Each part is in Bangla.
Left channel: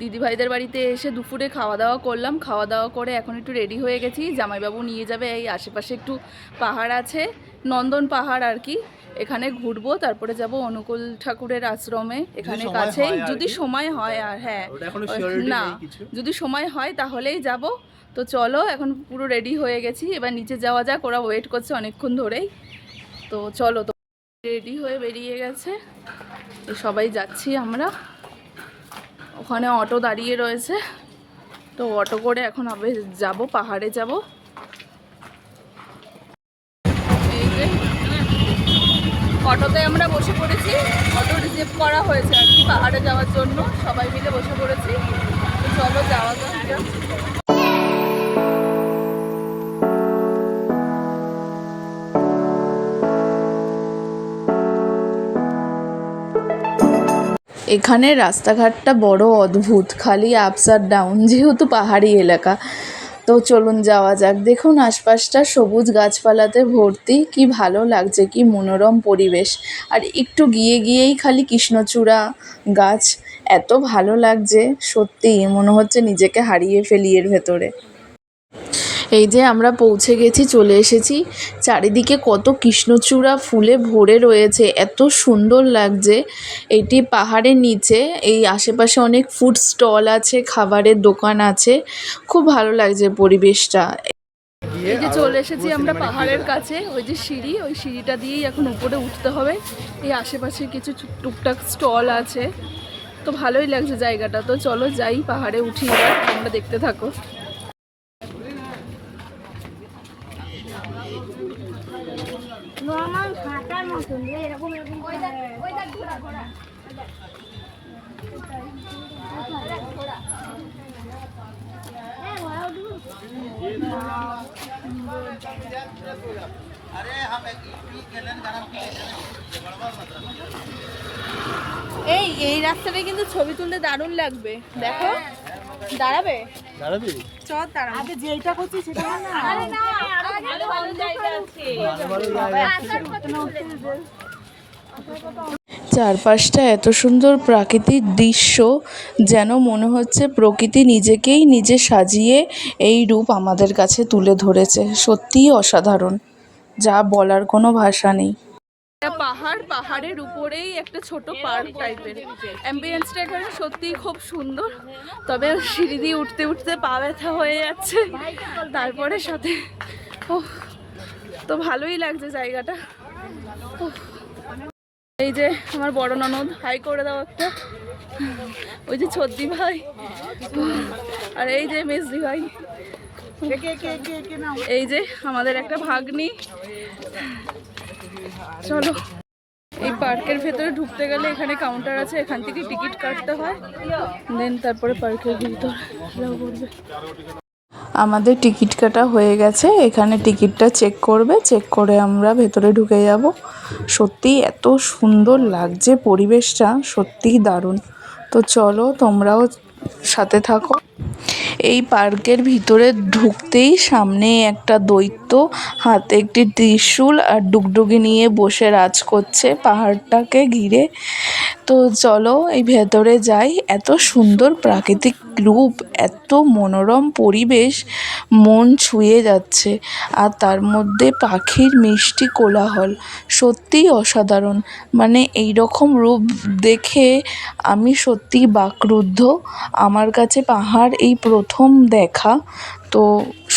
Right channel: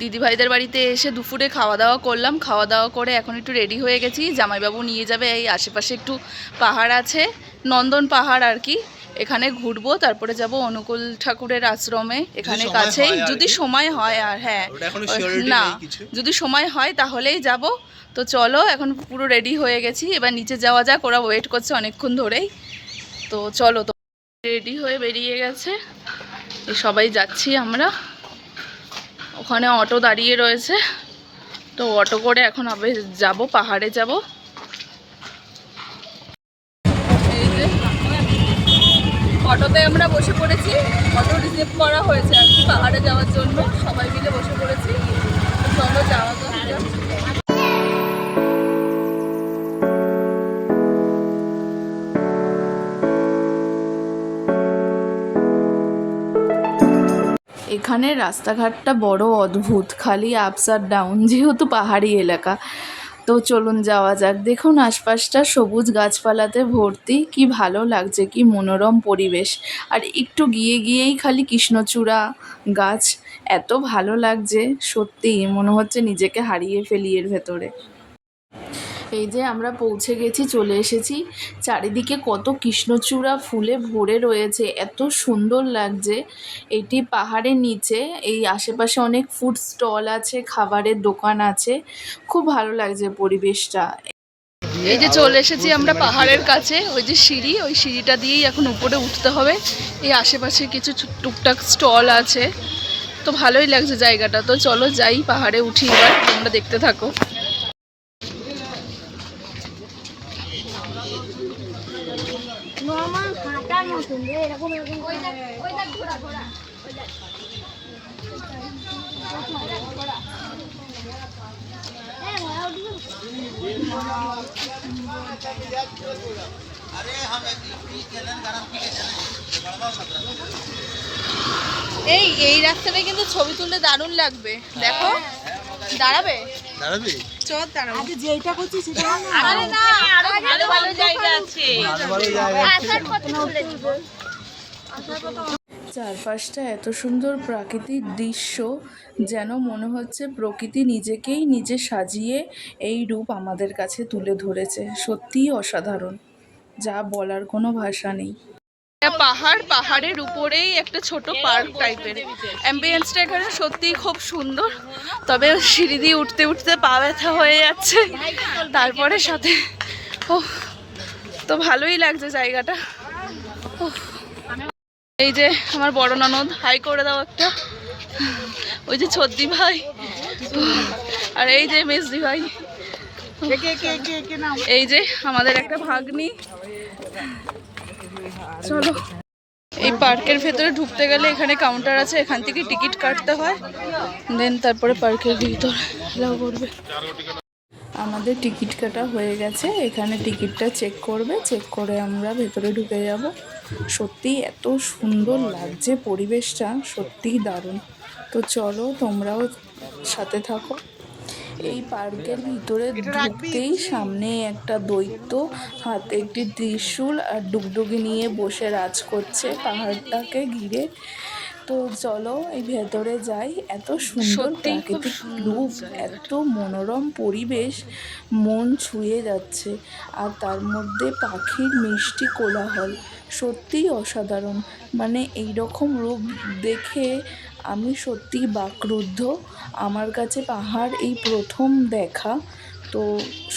দিদিভাইদের বাড়িতে এসে দুপুরে খাওয়া দাওয়া করলাম। খাওয়া দাওয়া করে এখন একটু রেডি হয়ে গেছি। জামাইবাবু নিয়ে যাবে এই আশেপাশে একটু পাহাড় আছে নন্দন পাহাড় আর কি এখানে ঘুরবো তারপরে যাব অনুকূল ঠাকুরের আশ্রমে। এখানে কাছেই যদি সময় হয় আর হ্যাঁ। না যদি সময় হয় তাহলেই যাব। তো চলো এখন পুরো রেডি হয়ে গেছি। এবার নিচে যাওয়া যাক ওরা ওয়েট করছে অনেকক্ষণ ধরেই। তো চলো তো রেডি হয়ে বেরিয়ে গেছে। তো সবাই যাচ্ছি আমরা। ওখানে অটো দাঁড়িয়ে রয়েছে। তো অটো করে এখন আবে যাব, পাহাড়ে যাব। অটোতে আমরা বসে পড়েছি। অটো রিসিভ করা হয়েছে আর কি পাহাড়ে যাওয়ার জন্য। সবাই মিলে বসে পড়েছি। তো চলো যাওয়া যাক। এখানে রাস্তাঘাটটা বড় অদ্ভুত, খালি আপস আর ডাউন যেহেতু পাহাড়ি এলাকা। তো চলুন যাওয়া যাক। দেখুন আশপাশটা সবুজ গাছপালাতে ভর্তি। কি ভালো লাগছে, কি মনোরম পরিবেশ। আর একটু গিয়ে গিয়েই খালি কৃষ্ণচূড়া গাছ। এত ভালো লাগছে সত্যি মনে হচ্ছে নিজেকে হারিয়ে ফেলি এর ভেতরে। এই যে আমরা পৌঁছে গেছি, চলে এসেছি। চারিদিকে কত কৃষ্ণচূড়া ফুলে ভরে রয়েছে, এত সুন্দর লাগছে। এটি পাহাড়ের নিচে, এই আশেপাশে অনেক ফুড স্টল আছে, খাবারের দোকান আছে। খুব ভালো লাগছে পরিবেশটা। এই যে চলে এসেছি আমরা পাহাড়ের কাছে, ওই যে সিঁড়ি, ওই সিঁড়িটা দিয়েই এখন উপরে উঠতে হবে। এই আশেপাশে কিছু টুকটাক স্টল আছে। তো ভালোই লাগছে জায়গাটা। তো চলো যাই পাহাড়ে উঠি এবার, তোমরা দেখতে থাকো। নর্মাল হাঁটার মতন রে এরকম এরকম করে। এই এই রাস্তাটা কিন্তু ছবি তুলতে দারুণ লাগবে। দেখো দাঁড়াবে? দাঁড়াবি? চল দাঁড়াবে আরে যেটা করছি সেটা না। আরে না আরও ভালো ভালো জায়গা আছে। ভালো ভালো জায়গা আসার চারপাশটা এত সুন্দর প্রাকৃতিক দৃশ্য যেন মনে হচ্ছে প্রকৃতি নিজেকেই নিজে সাজিয়ে এই রূপ আমাদের কাছে তুলে ধরেছে। সত্যিই অসাধারণ। যা বলার কোনো ভাষা নেই। পাহাড় পাহাড়ের উপরেই একটা ছোট পার্ক টাইপের অ্যাম্বিয়েন্সটা এখানে সত্যিই খুব সুন্দর। তবে সিঁড়ি দিয়ে উঠতে উঠতে পা ব্যথা হয়ে যাচ্ছে। তারপরে সাথে ও তো ভালোই লাগছে জায়গাটা। এই যে আমার বড় ননদ হাই করে দাও একটা। ওই যে ছদ্দি ভাই। আর এই যে মেজদি ভাই। এই যে আমাদের একটা ভাগ্নি। চলো। এই পার্কের ভেতরে ঢুকতে গেলে এখানে কাউন্টার আছে এখান থেকে টিকিট কাটতে হয় দেন তারপরে পার্কের ভিতর এলাও করবে। আমাদের টিকিট কাটা হয়ে গেছে এখানে টিকিটটা চেক করবে চেক করে আমরা ভেতরে ঢুকে যাব। সত্যি এত সুন্দর লাগছে পরিবেশটা সত্যিই দারুণ। তো চলো তোমরাও সাথে থাকো। এই পার্কের ভিতরে ঢুকতেই সামনে একটা দৈত্য হাতে একটি ত্রিশূল আর ডুগডুগি নিয়ে বসে রাজ করছে পাহাড়টাকে ঘিরে। তো চলো এই ভেতরে যাই। এত সুন্দর প্রাকৃতিক রূপ এত মনোরম পরিবেশ মন ছুঁয়ে যাচ্ছে। আর তার মধ্যে পাখির মিষ্টি কোলাহল সত্যিই অসাধারণ। মানে এই রকম রূপ দেখে আমি সত্যিই বাকরুদ্ধ। আমার কাছে পাহাড় এই প্রথম দেখা, তো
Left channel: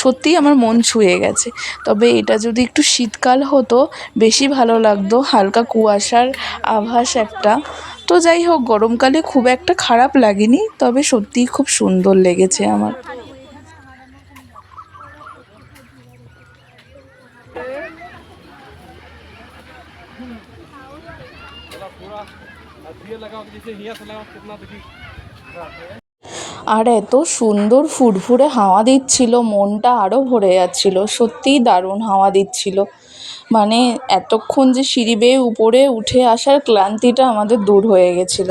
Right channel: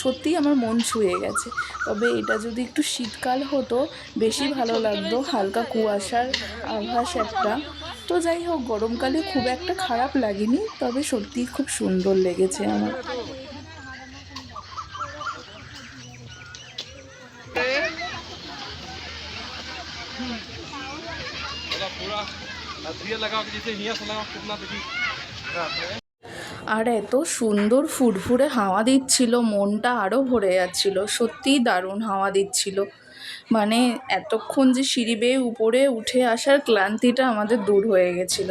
সত্যিই আমার মন ছুঁয়ে গেছে। তবে এটা যদি একটু শীতকাল হতো, বেশি ভালো লাগতো, হালকা কুয়াশার আভাস একটা। তো যাই হোক, গরমকালে খুব একটা খারাপ লাগেনি, তবে সত্যিই খুব সুন্দর লেগেছে আমার। আর এত সুন্দর ফুরফুরে হাওয়া দিচ্ছিল, মনটা আরও ভরে যাচ্ছিল, সত্যিই দারুণ হাওয়া দিচ্ছিল। মানে এতক্ষণ যে সিঁড়ি বেয়ে উপরে উঠে আসার ক্লান্তিটা আমাদের দূর হয়ে গেছিল।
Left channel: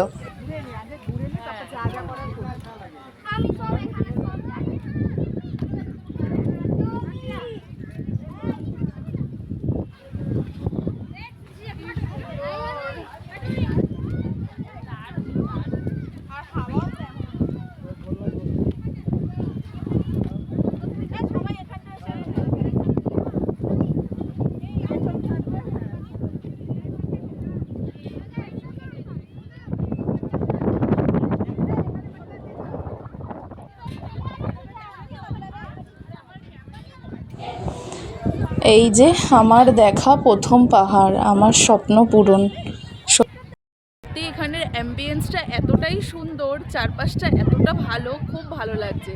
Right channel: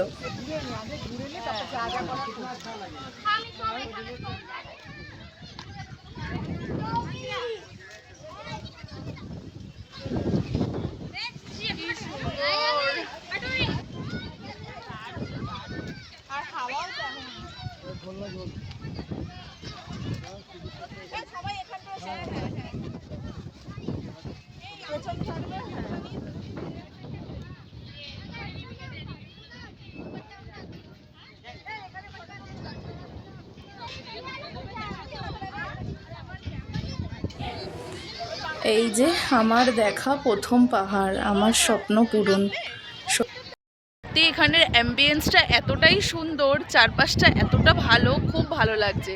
এই যে আমার দেখা প্রথম পাহাড়, আমার স্বপ্ন পূরণ। সত্যি এখানের অ্যাম্বিয়েন্সটা এতটাই সুন্দর, চারপাশটা এতটা ভালো, খুব ভালো লাগছে।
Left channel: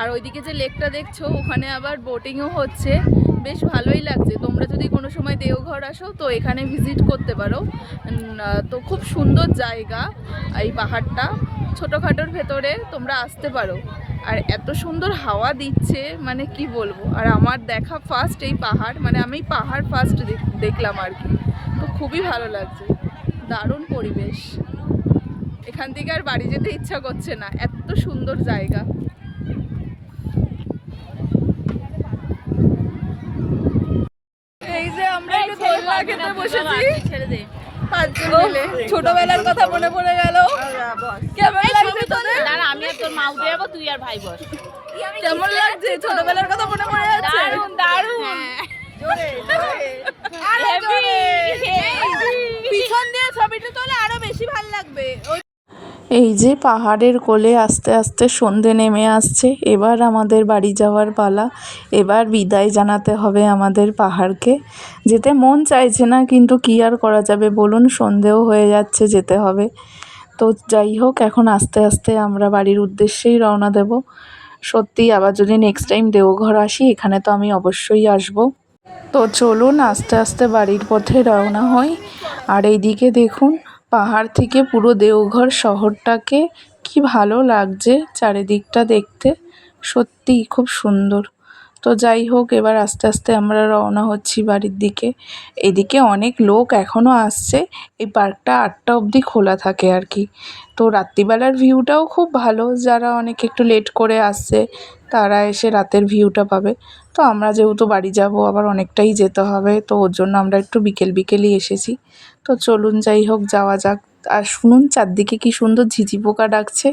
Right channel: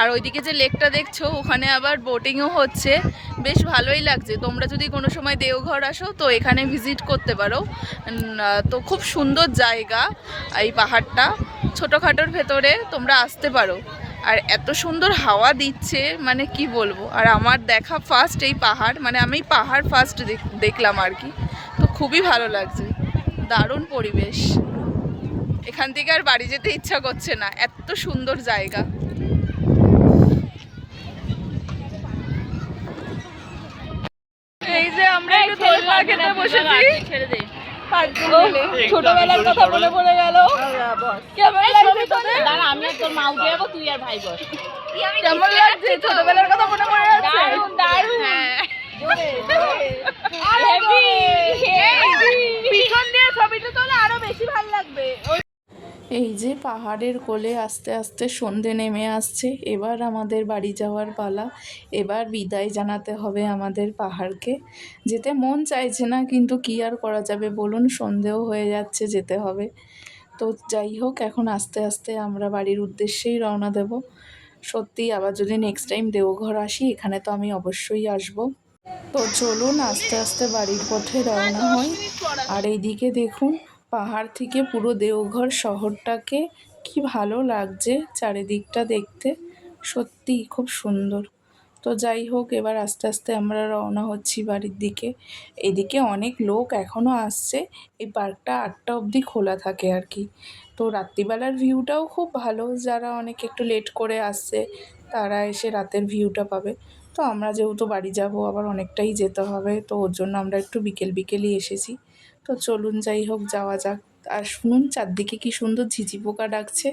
আর ওইদিকে যে লেকটা দেখছ, ওখানে আবার বোটিংও হচ্ছে। বেশ ভালোই লাগছে। তোমরা যদি কোনো সময় দেওঘর আসো, তো এখানে ভিজিট করতে পারো। তো খুব সুন্দর জায়গা এই পাহাড়টা। ছোটোখাটোর ভেতরে তোমরা আসতে পারো। আর এত সুন্দর হাওয়া দিচ্ছে মানে কি বলব? আর আমার দেখা ফার্স্ট এই পাহাড় মানে আমি পাহাড় ফার্স্ট দেখলাম আর কি। তো খুবই ভালো লাগছে। দারুণ পরিবেশ। এখান থেকে আর বাড়ি যেতে ইচ্ছা করছে না। এত সুন্দর জায়গা। এই যে আমরা একটু দোলনা খেতে বসেছি। মিলে ছোটবেলার কথা মনে পড়ে গেল। কেমন লাগছে তোদের? দাঁড়া আমি আর তোর মা উঠে যাব তুই আর ভাই বস। কেমন লাগছে? ছোটবেলার কথা মনে পড়ে যাচ্ছে দারুণ দারুণ। পিছন দিয়ে ছবিটা তোলে আরও বেশি ভালো লাগবে। এই যে পাহাড়ের কোলে আস্তে আস্তে সন্ধে নেমে আসছে, এবার আমাদের বাড়ি যাওয়ার পালা। এবার বিদায় জানাতে হবে আমাদের পাহাড়কে। যেতে মন চাইছে না, কিন্তু কী আর করা যাবে বলুন, সন্ধেও হয়ে যাচ্ছে যেতে হবে। তো যাই হোক, এখন আস্তে আস্তে আমরা বাড়ির উদ্দেশ্যেই রওনা দেব। সত্যি আবার যদি নেক্সট টাইম দেওঘর আসি, এখানে তো আমি অবশ্যই আসব। তো চলুন, আস্তে আস্তে বাড়ির পথে রওনা হই। আর এইদিকে দেখুন পাহাড় থেকে পুরো দেওঘর শহরটাকে কি ভালো লাগছে চারিদিকটা দেখতে। সত্যিই খুব সুন্দর। তো যাই হোক, এবার আস্তে আস্তে আমরা রওনা হচ্ছি বাড়ির দিকে। এদিকে অনেক লোক এখনও আসছে। এই পার্কটা আটটা অবধি খোলা থাকে আর কি। তো রাত্রিবেলার ভিউটাও খুব ভালো। যারা অনেক একটু লেট করে আসছে, তারা এসে রাতের ভিউটা পাবে। তো আমরা যেহেতু বাড়ি যাব, আবার অনেকটাই যেতে হবে। তো ওর জন্য আমরা একটু বিকেল বিকেলই এসেছি। তো চলুন যাই হোক, যাওয়া যাক। আর শুনুন, চারদিকে কি সুন্দর ঝিঝি পোকা ডাকছে।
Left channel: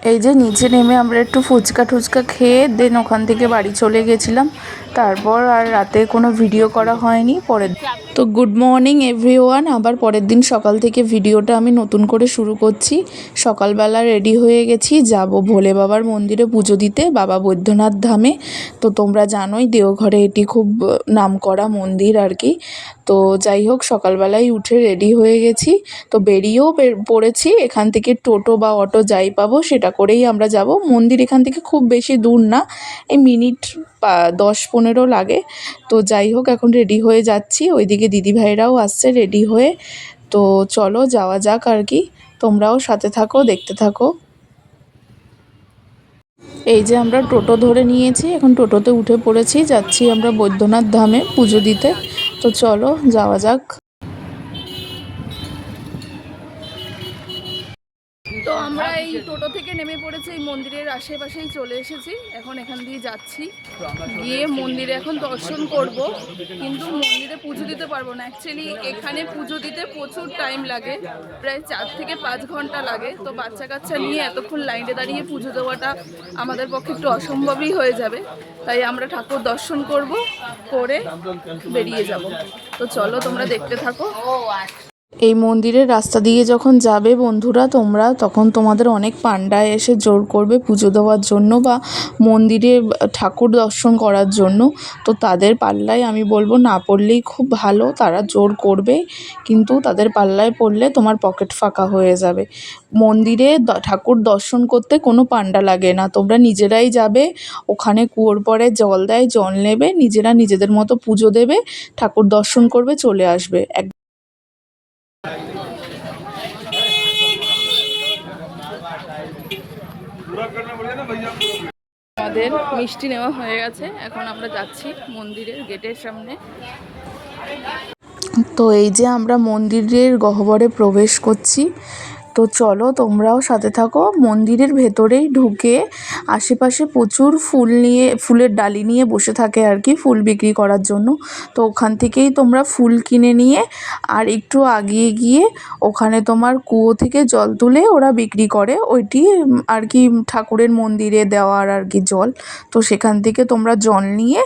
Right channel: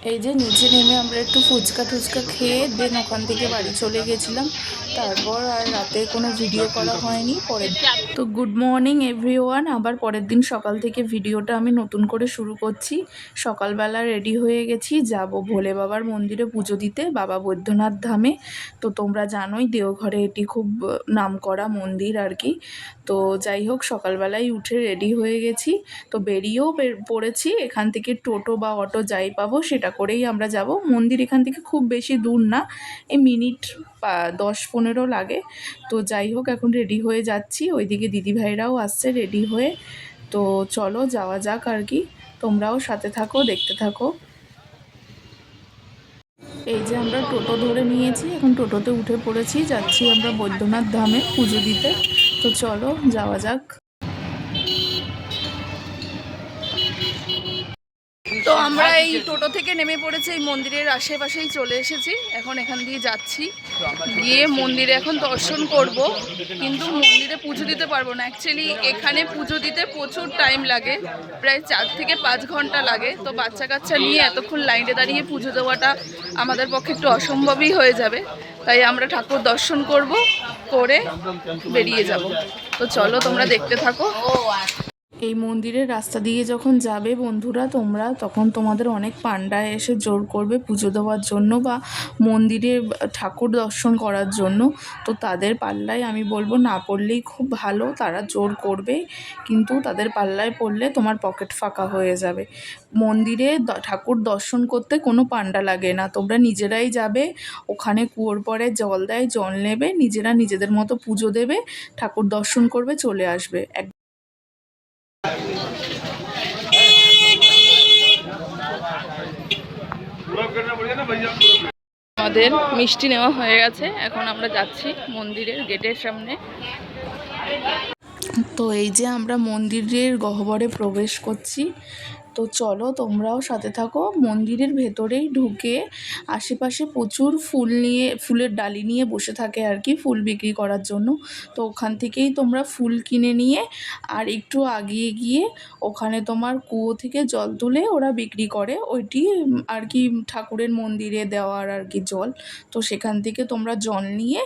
এই যে নিচে নেমে আমরা একটু ফুচকা টুচকা খেয়ে দেন ওখান থেকে বাড়ি চলে গেছিলাম। তারপর আর রাতে কোনো ভিডিও করা হয়নি, পরের তো গুড মর্নিং এভরিওয়ান আবার পরের দিন সকাল থেকে ভিডিওটা আমি নতুন করে শুরু করছি। সকালবেলা রেডি হয়ে গেছি, যাব ভোলে বাবার মন্দিরে পুজো দিতে, বাবা বৈদ্যনাথ ধামে। তো তোমরা জানোই, দেওঘরে এটি খুব নামকরা মন্দির আর কি। তো যাই হোক সকালবেলায় উঠে রেডি হয়ে গেছি। তো বেরিয়েও বের- পড়েছি। এখান থেকে টোটো বা অটো যাই পাবো, সেটা করেই আমরা যাব। মন্দির এখান থেকে খুব বেশি দূর না। এই মিনিট দশ পনেরো লাগে। তো যাই হোক, এখন রেডি হয়ে যাচ্ছি। ওইদিকে দিদিভাইরাও আসছে রেডি হয়ে। তো চলো, যাওয়া যাক আর কি। তোমরাও সাথে থাকো, দেখতে থাকো। এই যে আমরা টোটো ধরে নিয়েছি। এখন টোটোতে উঠে পড়েছি। যাচ্ছি আমরা বৈদ্যনাথ ধামে পুজো দিতে। তো চলো, যাওয়া যাক। আমরা এই টোটো থেকে নেমে পড়েছি এই মন্দিরের আশেপাশেই চলে এসেছি। এখন এখান দিয়ে যাচ্ছি। গিয়ে মন্দিরে এখন দর্শন করব কিন্তু মন্দিরে পুজো দিতে পারব না। অ্যাকচুয়ালি এখানে পুজো দিতে প্রচুর টাইম লাগে প্রায় চার থেকে পাঁচ ঘণ্টা লাগে। তো বাচ্চা কাচ্চা নিয়ে এতক্ষণ লাইনে দাঁড়িয়ে পুজো দেওয়াটা আমাদের পক্ষে একটু অসম্ভবই হয়ে যাবে। তাই আমরা ঠাকুর দর্শন করব করে বেরিয়ে যাব। তো চলো তোমরা দেখতে থাকো। এই মন্দিরের রাস্তা দিয়ে যখন যাবে বন্ধুরা তোমরা, তখন তোমাদের অনেক পান্ডা এসে জোর করবে পুজো দেওয়ার জন্য বা মন্দিরে ঠাকুর দর্শন করার জন্য। তো তাদের পাল্লায় আমি বলব, না পড়লেই খুব ভালো, তারা জোর করবে, কিন্তু তাদের পাল্লায় পড়লে তোমার পকেট ফাঁকা হয়ে যাবে। মন্দিরে ঠাকুর দর্শন করতে কোনো পান্ডা লাগে না, তোমরা নিজেরাই যাবে, ওখানে কুয়োর পরে জল দেয়, জল নেবে, নিজেরা নিজেদের মতো পুজো দেবে, ঠাকুর দর্শন করবে, চলে আসবে। এক আমাদের মিষ্টি নেওয়া হয়ে গেছে। এখন আমরা যাচ্ছি মন্দিরের গেটের সামনে। তো এই যে আমরা মন্দিরের গহ্বরে প্রবেশ করছি। তো চলো তোমরাও সাথে থাকো। মন্দিরের ভেতরেই ঢুকে আশেপাশে প্রচুর ফুল নিয়ে, ফুলের ডালি নিয়ে বসে থাকে আর কি ফুল বিক্রি করার জন্য। তো ওখান থেকেই তোমরা ফুল কিনে নিয়ে আর একটু আগিয়ে গিয়ে ওখানে তোমার কুয়ো থেকে জল তুলে ওরা বিক্রি করে। ওইটি আর কি ঠাকুরের মন্দিরে দেওয়ার আর কি জল। তো সেখান থেকে তোমরা জল নিয়ে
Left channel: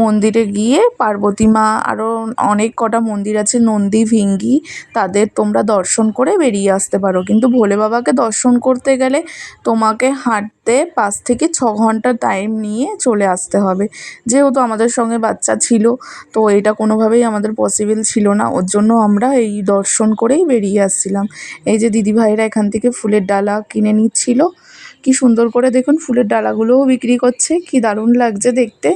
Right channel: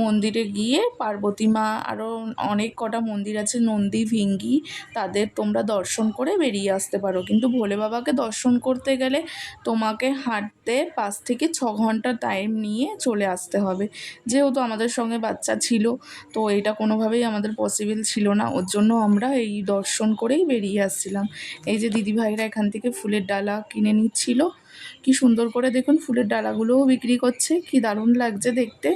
মন্দিরে গিয়ে পার্বতী মা আরও অনেক কটা মন্দির আছে, নন্দী, ভিঙ্গি, তাদের তোমরা দর্শন করে বেরিয়ে আসতে পারো। কিন্তু কিন্তু ভোলে বাবাকে দর্শন করতে গেলে তোমাকে হাঁটতে পাঁচ থেকে ছ ঘণ্টা টাইম নিয়ে চলে আসতে হবে। যেহেতু আমাদের সঙ্গে বাচ্চা ছিল, তো এটা কোনোভাবেই আমাদের পসিবল ছিল না। ওর জন্য আমরা এই দর্শন করেই বেরিয়ে আসছিলাম। এই যে দিদিভাইরা এখান থেকে ফুলের ডালা কিনে নিচ্ছিল। কি সুন্দর করে দেখুন, ফুলের ডালাগুলোও বিক্রি করছে। কি দারুণ লাগছে দেখতে।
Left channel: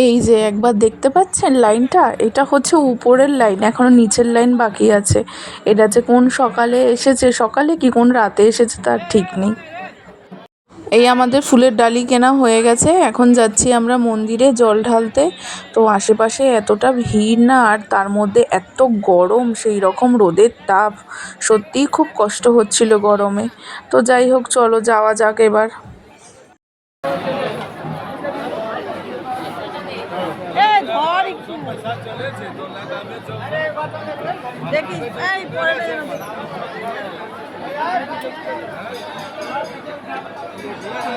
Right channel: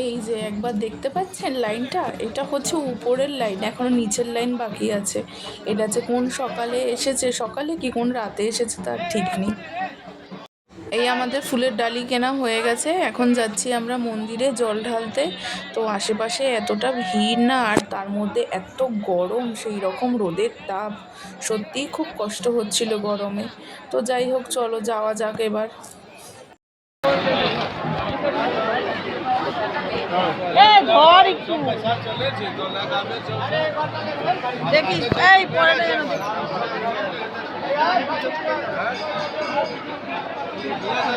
এই যে একবার দেখতে পাচ্ছেন লাইনটা? এটা হচ্ছে উপরের লাইন, এখনও নিচের লাইন বাকি আছে। এটা যে কোন সকালে এসেছে, সকালে কি কোন রাতে এসেছে তার ঠিক নেই। এই আমাদের ফুলের ডালি কেনা হয়ে গেছে, এখন যাচ্ছি আমরা মন্দিরে জল ঢালতে। তো আশেপাশে এতটা ভিড় না, আর তার মধ্যে এত গরম, সেই রকম রোদের তাপ। সত্যিই খুব কষ্ট হচ্ছিল গরমে। তো যাই হোক, চলো যাওয়া যাক এবার এ ধর একটু দেখিস এই যেন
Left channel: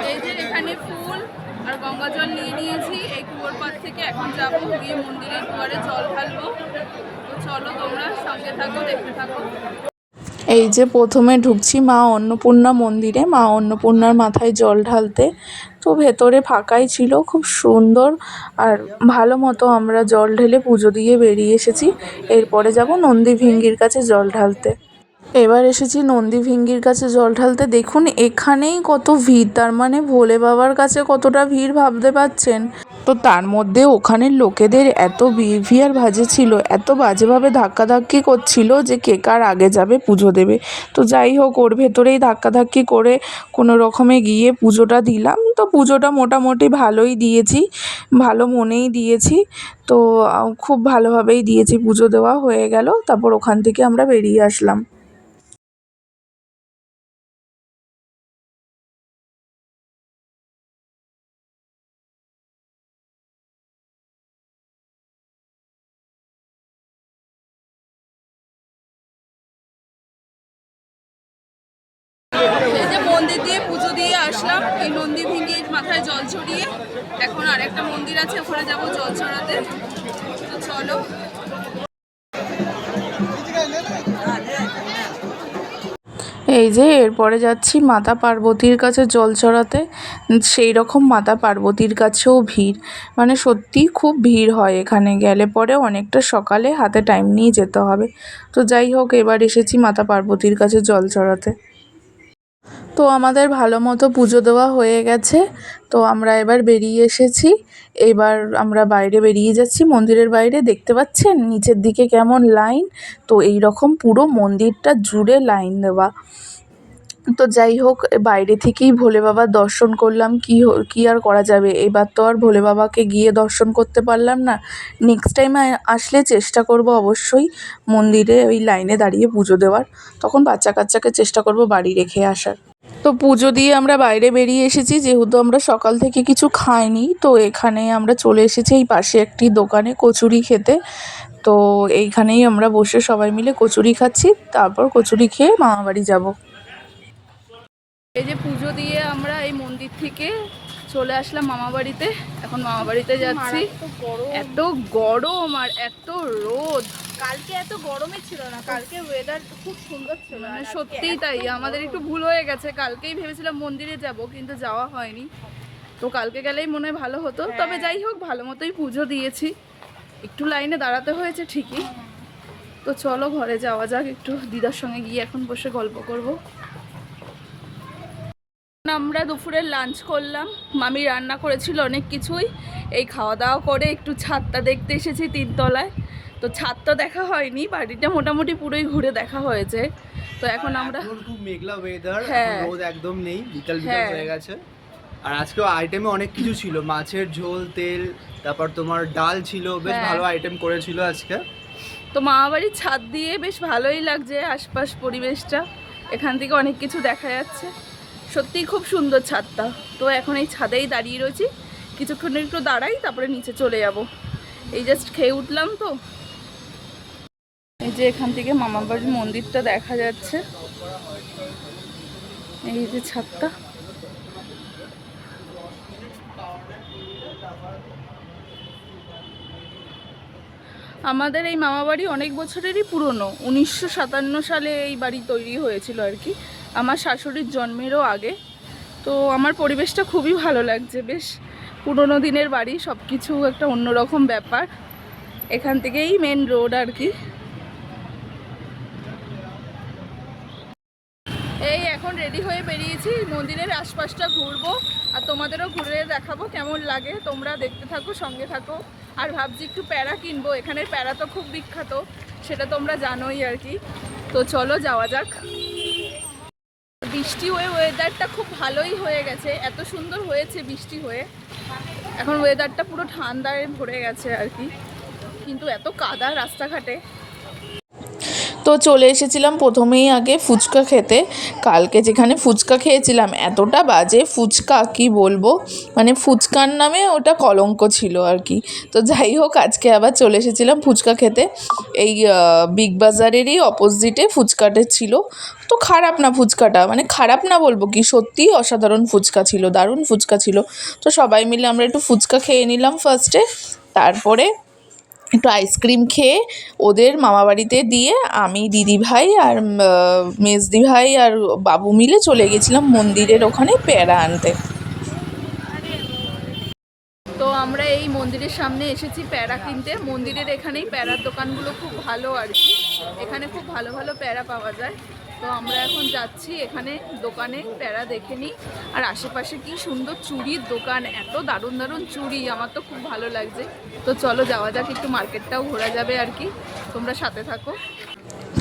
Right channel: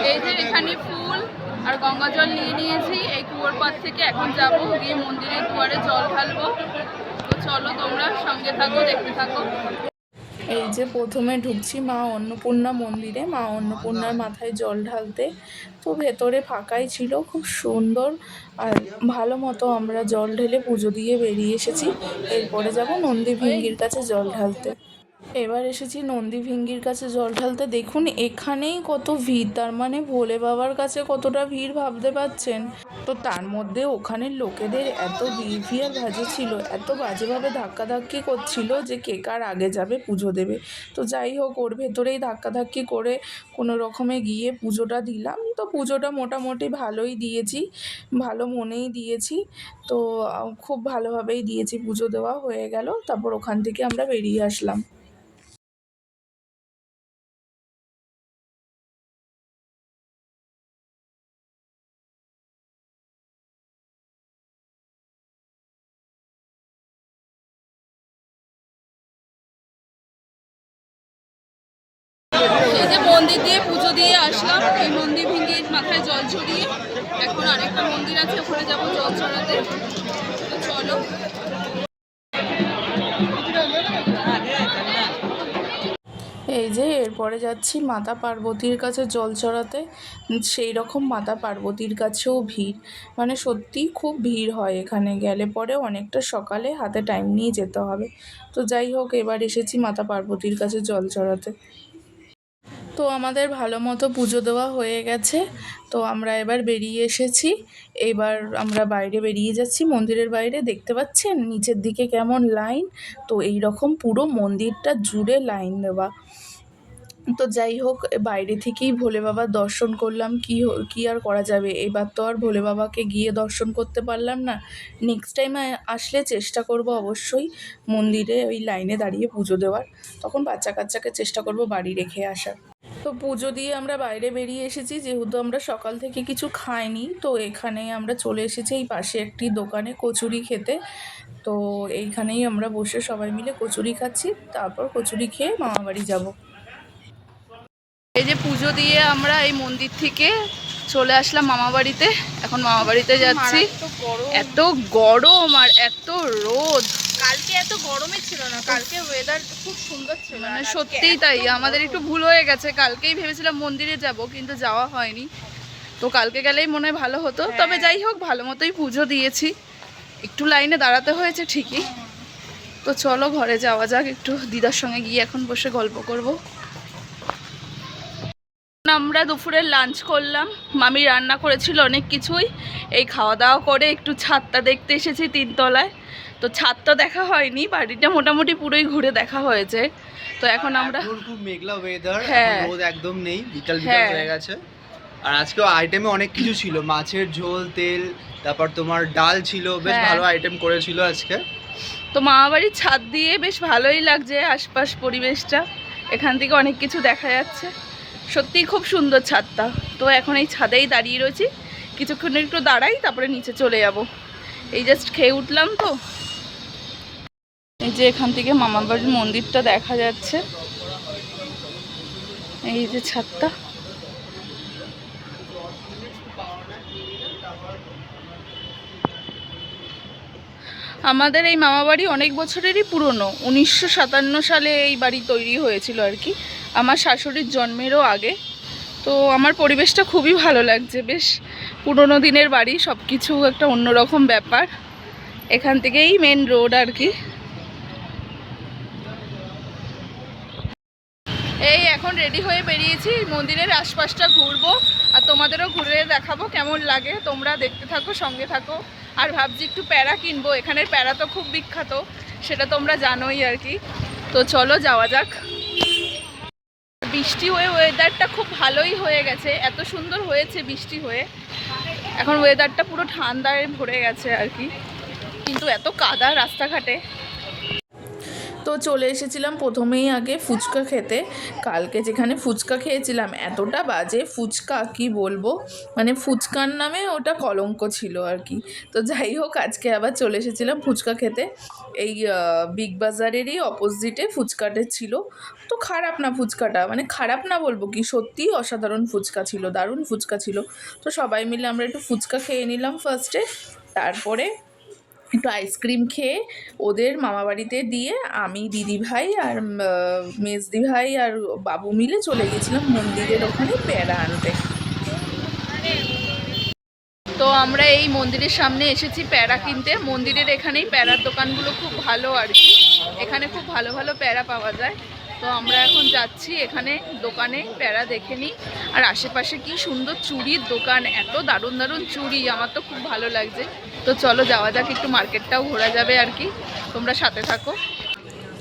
এই যে এখানে ফুল আর গঙ্গা জল নিয়ে নিয়েছি এই কুয়োর পার থেকে এখন যাব গিয়ে মন্দিরের দুয়ারে জল ঢালবো। তো চলো তোমরা সঙ্গে থাকো দেখতে থাকো। এই যে প্রথমে ঢুকছি মা অন্নপূর্ণা মন্দিরে। মা অন্নপূর্ণার মাথায় জল ঢালতে। তো ভেতরে ফাঁকাই ছিল, খুব সুন্দর। আর ভালো মতো আমরা জল ঢেলে পুজো দিয়ে বেরিয়ে এসেছি। এরপরে যাব নন্দী ভিঙ্গির কাছে জল ঢালতে। এবার এসেছি নন্দী ভিঙ্গির কাছে জল ঢালতে। দেখুন, এখানেই কত ভিড়, তার মানে ভোলে বাবার কাছে কতটা ভিড় ভাবতে পারছেন? তো তার মধ্যে ওখানের লোকেদের এত বিহেভিয়ার বাজে ছিল, এত বাজেভাবে ধাক্কাধাক্কি করছিল যে কে কার আগে যাবে পুজো দেবে। তো যাই হোক, ওর ভেতরেই ধাক্কাধাক্কি করে কোনো রকমে গিয়ে পুজোটা দিলাম। তো পুজোটা মোটামুটি ভালোই দিয়েছি, ভালো মনেই দিয়েছি। তো খুব ভালোভাবেই দিয়েছি, পুজো দেওয়া হয়ে গেল, তারপর ওখান থেকে আমরা বেরিয়ে আসলাম। মন্দির দিয়ে পুজো দিয়ে আসলাম। এই নন্দী ভিঙ্গির মাথায় জল ছড়িয়ে এখন আরেকটা মন্দির আছে, ওখানে যাব জল ছড়াতে। তো চলো। এই যে এরপরে যাচ্ছি মাতা পার্বতীর কাছে জল চড়াতে সেই রকম মাতা পার্বতীর কাছেও ভিড়। মানে সত্যিই খুব ভিড় হয় এখানে। গেলে পরে অনেকটা সকালে হাতে টাইম নিয়ে যেতে হবে। তো যাই হোক, এবার এসেছি মাতা পার্বতীর কাছে জল চড়াতে তো আমাদের ভালো মতো পুজো দেওয়া হয়ে গেছে। তো আমরা এবার বেরিয়ে এসেছি। এবার আমরা বাইরে বেরিয়ে যাচ্ছি, মন্দিরের বাইরে। দেখতে পাচ্ছেন নিচের দিকে কেমন লাইন? তো এই রকম পুরো মন্দিরটা জুড়ে লাইন দেওয়া। তো যাই হোক, বাইরে থেকেই ভোলে বাবার দর্শন করলাম। কি কি আর করা যাবে? এবার তো আর ভোলে বাবাকে গিয়ে দর্শন করতে পারলাম না। নেক্সট টাইম আসলে চেষ্টা করব অবশ্যই মন্দিরে ওই লাইনে দাঁড়িয়ে পুজো দেওয়ার। তখন বাচ্চা কাচ্চাকে চেষ্টা করব বাড়ি রেখে আসার। তো পুজো দিয়ে আমরা বাইরে বেরিয়ে এসেছি যেহেতু আমরা সকাল থেকে কিছু খাইনি তো এখানে আমরা চলে এসেছি এই পাশে একটি দোকানে কচুরি খেতে। তো এইখানেই আমরা বসে সবাই মিলে কচুরি খাচ্ছি তারপর কচুরি খেয়ে মামাবাড়ি যাব। এই যে পুজো দিয়ে আমরা এই মন্দির থেকে চলে আসলাম মামা বাড়িতে। এখন মামা বাড়িতে যাচ্ছি। এত গরম আর এত রোদ। কালকে এত গরমে ছিল না কালকে ওয়েদার খুব সুন্দর ছিল মানে সত্যিই তাই আমাদের একটু ভুল হয়ে গেছে কালকেই ভেবেছিলাম মন্দিরে যাব কিন্তু যাওয়া হয়নি। তো কালকে গেলেই মনে হয় ভালো হতো তবে যাই হোক ভালো মতোই পুজো দিয়েছি। একটু লাইনে দাঁড়াতে হয়েছে ঠিকই। তো চলো ঘরে যাওয়া যাক একটু দিদার সঙ্গে গিয়ে এখন বসে গল্প করব। আমরা দুপুরে লাঞ্চ করলাম মামি রান্না করেছিল অনেক কিছুই এই খাওয়া দাওয়া করে একটু ছাদটা দেখতে এসেছি তিনতলায়। তো ছাদটা দেখা হয়নি বাড়িটা মোটামুটি পুরোই ঘুরে দেখা হয়েছে। তো এখন আমরা খুব মেঘলা ওয়েদার হ্যাঁ। রোদ একদম নেই বিকাল বিকাল হ্যাঁ। হয়ে গেছে। আর আজকে আইটেমে অনেক কিছু ছিল মাছের ঝোল তেল তারপর তোমার ডাল ছিল বেশ হ্যাঁ। ভালো আইটেম করেছিল আজকে। তো মামাবাড়ির ছাদ দিয়ে বেশ ভালোই লাগছে আশপাশ পরিবেশটা এখান থেকে অনেক কিছু দেখা যাচ্ছে। সত্যিই খুব সুন্দর ছাদটা। তো এখন এই ছাদেই দাঁড়িয়ে রয়েছি কিছুক্ষণ একটু দাঁড়াই তারপরে নিচে চলে যাব। এই জাস্ট খেয়ে উঠলাম তো। এই যে এখান থেকে মামাবাড়ির মন্দিরটা দেখা যাচ্ছে। এই যে ছাদটা। আমাদের এই মামা বাড়ি অনেক বছরেরই পুরনো। উনিশশো সাতান্ন সালে এই বাড়ি তৈরি হয়েছিল আর কি। আমার শাশুড়ির জন্মেরও আগে। তো আমার পরিবেশটা খুবই ভালো লাগছে। বেশ পুরনো দিনের বাড়ি সব কিছু একটা অন্যরকম ব্যাপার। এখান থেকেই মেন রোড আর কি। এই এখন রেডি হয়ে বেরিয়েছি, মন্দিরের আশপাশটা ঘুরবো আর তোমাদেরও ঘুরে দেখাবো কেমন লাগে। তোমরা দেখতে থাকো, সঙ্গে থাকো। আর ভাবছি একটু প্যারা কিনবো, এখানের প্যারা তো খুব বিখ্যাত, সেটা তোমরা জানোই আর কি। তো চলো যাওয়া যাক। বৃষ্টি হয়ে ওয়েদারটা খুব ভালোই হয়ে গেছে, এত সুন্দর হয়েছে বৃষ্টি হয়ে। এখন ওয়েদারটা পুরো ঠান্ডায় ভরে গেছে আর কি। কিন্তু এত কাদা রাস্তাঘাটে। তো চলে এসেছিলাম প্রথমেই আগে ফুচকা খেতে। কালকে যেখানে ফুচকা খেয়েছিলাম, এতটা বাজে ফুচকা কি বলব? মানে ফুচকার নামে ওটা কলঙ্ক ছিল আর কি। তো যাই হোক, আজকে আবার চলে এসেছিলাম ফুচকা খেতে। এই বিগ বাজারেরই অপোজিটে ফুচকাটে ছিল। তো খারাপ না ফুচকাটা মানে খারাপ না বলব কি, সত্যিই অসাধারণ ফুচকা ছিল, দারুণ ফুচকা ছিল। তো সবাই মিলে আমরা একটু ফুচকা খেয়ে নিলাম ফার্স্টে তারপরে একটু আইসক্রিম খেয়ে ওদের মামাবাড়িতে দিয়ে আমি দিদিভাই আর মেজদিভাই মেজদি ভাই আর বাবু মিলে চলে গেছিলাম মন্দিরের ওখানে প্যারা আনতে। তো আমরা এই মন্দিরের সামনে এসেছি প্যারা কিনতে। মন্দিরের এখানেই প্যারার দোকানগুলো খুব ভালো আর কি। এখানে খুব ভালো ভালো প্যারা পাওয়া যায়। তো আমরা এখন যাচ্ছি এখানে দোকানে, প্যারা দেখে নিই। আর আশেপাশে কি সুন্দর চুড়ির দোকান, এত দারুণ দারুণ চুড়ি, আমার তো খুব ভালো লাগছে। তো চলো যাওয়া যাক, একটু মার্কেটটাও ঘোরা যাবে আর কি। তোমরা সাথে থাকো।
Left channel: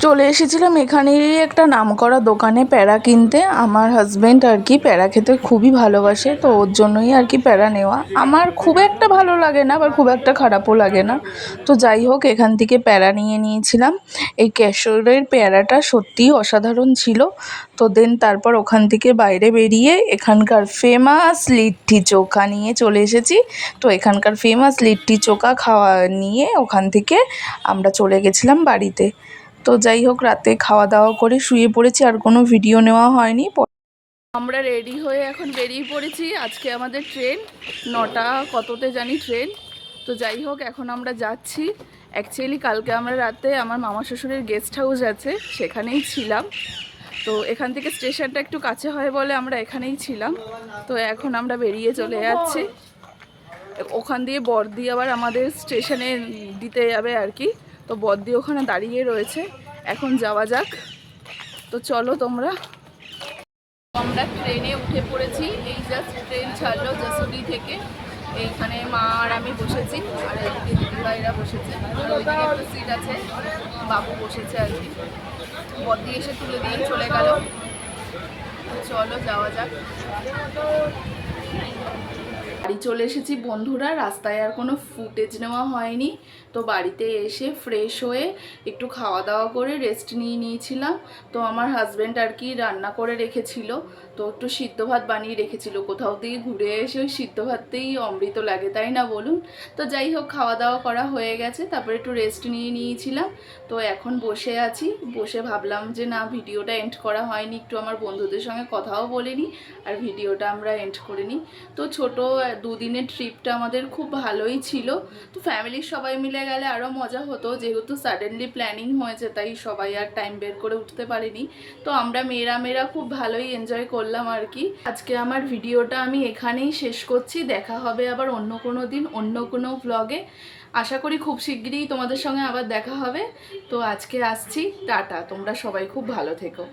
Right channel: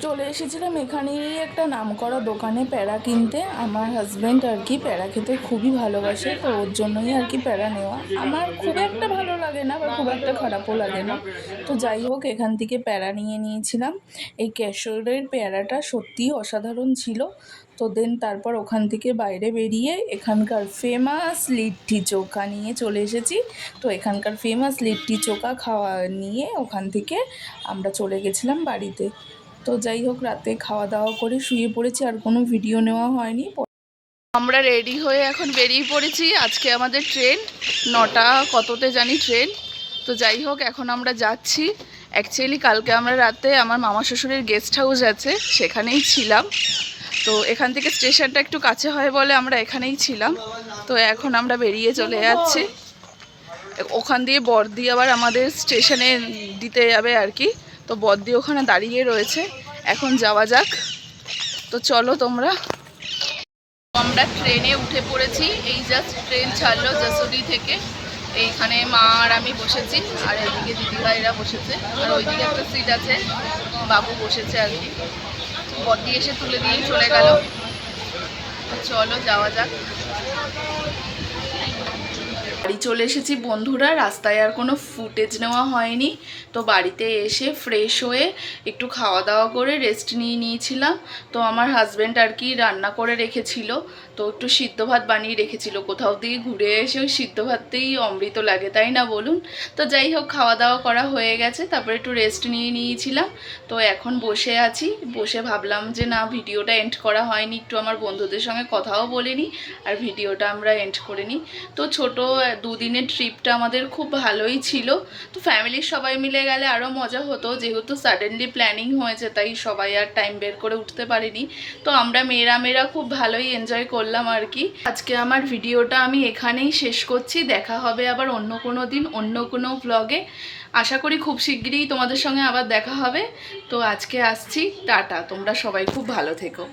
চলে এসেছিলাম এখানেরই একটা নামকরা দোকানে প্যারা কিনতে। আমার হাজব্যান্ড আর কি প্যারা খেতে খুবই ভালোবাসে, তো ওর জন্যই আর কি প্যারা নেওয়া। আমার খুব একটা ভালো লাগে না, আবার খুব একটা খারাপও লাগে না। তো যাই হোক, এখান থেকে প্যারা নিয়ে নিয়েছিলাম। এই ক্যাশোরের প্যারাটা সত্যিই অসাধারণ ছিল। তো দেন তারপর ওখান থেকে বাইরে বেরিয়ে এখানকার ফেমাস লিট্টি চোখা নিয়ে চলে এসেছি। তো এখানকার ফেমাস লিট্টি চোখা খাওয়া নিয়ে ওখান থেকে আমরা চলে গেছিলাম বাড়িতে। তো যাই হোক, রাতে খাওয়া দাওয়া করে শুয়ে পড়েছি, আর কোনো ভিডিও নেওয়া হয়নি। আমরা রেডি হয়ে এখন বেরিয়ে পড়েছি। আজকে আমাদের ট্রেন নটা কততে জানি ট্রেন তো যাই হোক, এখন আমরা যাচ্ছি। অ্যাকচুয়ালি কালকে আমরা রাতে আমার মামা শ্বশুরের গেস্ট হাউস আছে, সেখানেই ছিলাম। তো এখান থেকে স্টেশনটা একটু কাছে হয় বলে আমরা এখানেই ছিলাম। তো এখন আমরা বেরিয়ে চলে যাচ্ছি। ওখান দিয়ে বর্দি আবার আমাদের স্টেশনে দিতে যাবে আর কি। তো বর্দি ওখানে দাঁড়িয়ে রয়েছে। এখন যাওয়া যাক। তো চলো তোমরা। আমরা ট্রেনে উঠে পড়েছি। এই জাস্ট ট্রেন ছাড়লো যশোরি থেকে। এইখানে মা আর আমি বসেছি। আর এদিকে দিদিভাইরা বসেছে। ওইদিকে একটা সিট আছে। বাবু বসেছে আর কি। বর্দি এসে তুলে দিয়ে চলে গেল। তো চলো যাওয়া যাক। বাড়ি চলে এসেছি বন্ধুরা, রাস্তায় আর কোনো ফুটেজ নেওয়া হয়নি। তো বাড়িতে এসে ফ্রেশ হয়ে একটু খাওয়া দাওয়া করে রেস্ট নিয়ে নিয়েছিলাম। তো আমার হাজব্যান্ড আর কি রান্না করে রেখেছিল। তো একটু সিদ্ধ ভাত বানিয়ে রেখেছিল। কোথাও থেকে ঘুরে এসে ওই সিদ্ধ ভাততেই অমৃত লাগে, তাই না বলুন? তো যাই হোক খাওয়া দাওয়া করা হয়ে গেছে। তারপরে একটু রেস্ট নিয়ে নিয়েছিলাম। তো এখন বসে আছি। বসে ভাবলাম যে না, ভিডিওটা এন্ড করা হয়নি। একটু আমার বন্ধুদের সঙ্গে কথাও বলিনি। আর ভিডিওটা আমরা এন্ড করে নিই। তো ছোটো দুদিনের ট্রিপটা আমাদের খুব ভালোই ছিল। তো ফ্যামিলির সবাই মিলে গেলে আরও মজা হতো, যেহেতু সাডেনলি প্ল্যানিং হয়েছে, তাই সবাই আর টাইম বের করে উঠতে পারিনি। তো আমরা মেয়েরা মেয়েরা খুব ভালোই এনজয় করলাম আর কি। আজকে আমার ভিডিওটা আমি এখানেই শেষ করছি। দেখা হবে আবার অন্য কোনো দিন, অন্য কোনো ব্লগে আশা করি খুব শিগগিরই তোমাদের সঙ্গে আবার দেখা হবে। তো আজকে আসছি, টাটা, তোমরা সবাই খুব ভালো থেকো।